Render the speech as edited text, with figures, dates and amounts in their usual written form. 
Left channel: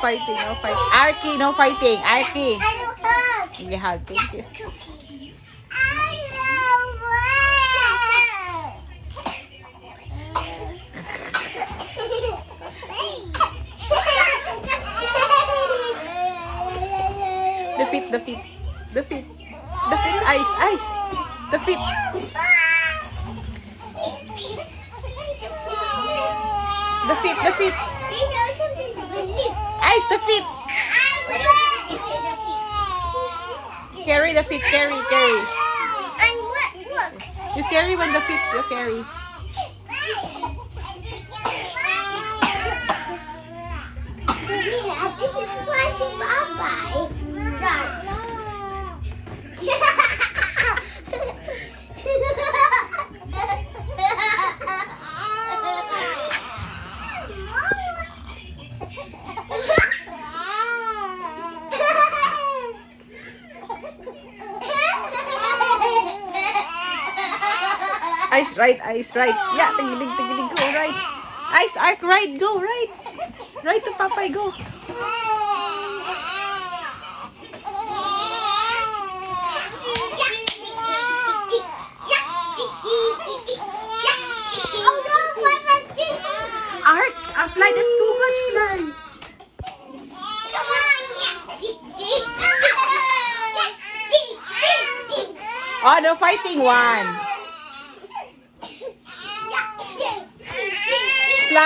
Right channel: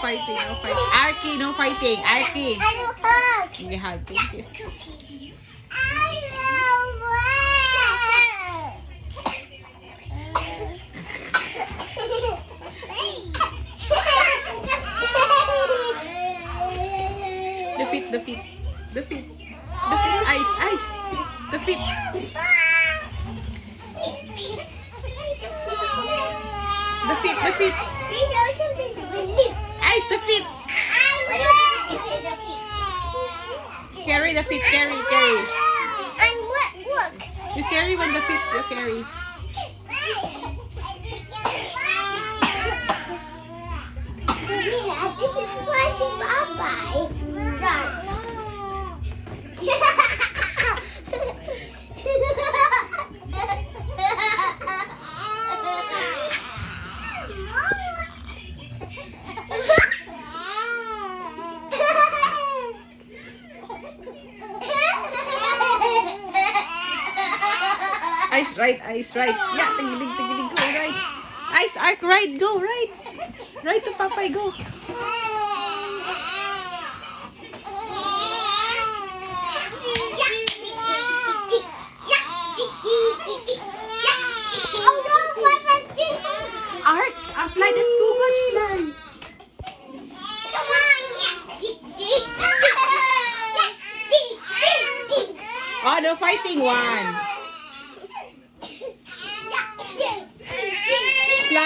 fighting, no fighting. Arky, no fighting. Arky. I will hug. Give me a hug, thank you. I love The feet, the feet. The feet. The feet, eyes, eyes. The feet. The feet, the feet. There's also something to believe. Eyes, the feet. This is a feet. Carry the feet, carry, carry. And what? Look. You carry when the feet, you carry. Yeah, this is flying bye-bye. Eyes right, eyes right. Yeah, tigilig, tigilig, go right. Eyes arc right, go right. Right to Papay, go. Arc, fly, that's too much fly. Oh, no fighting one.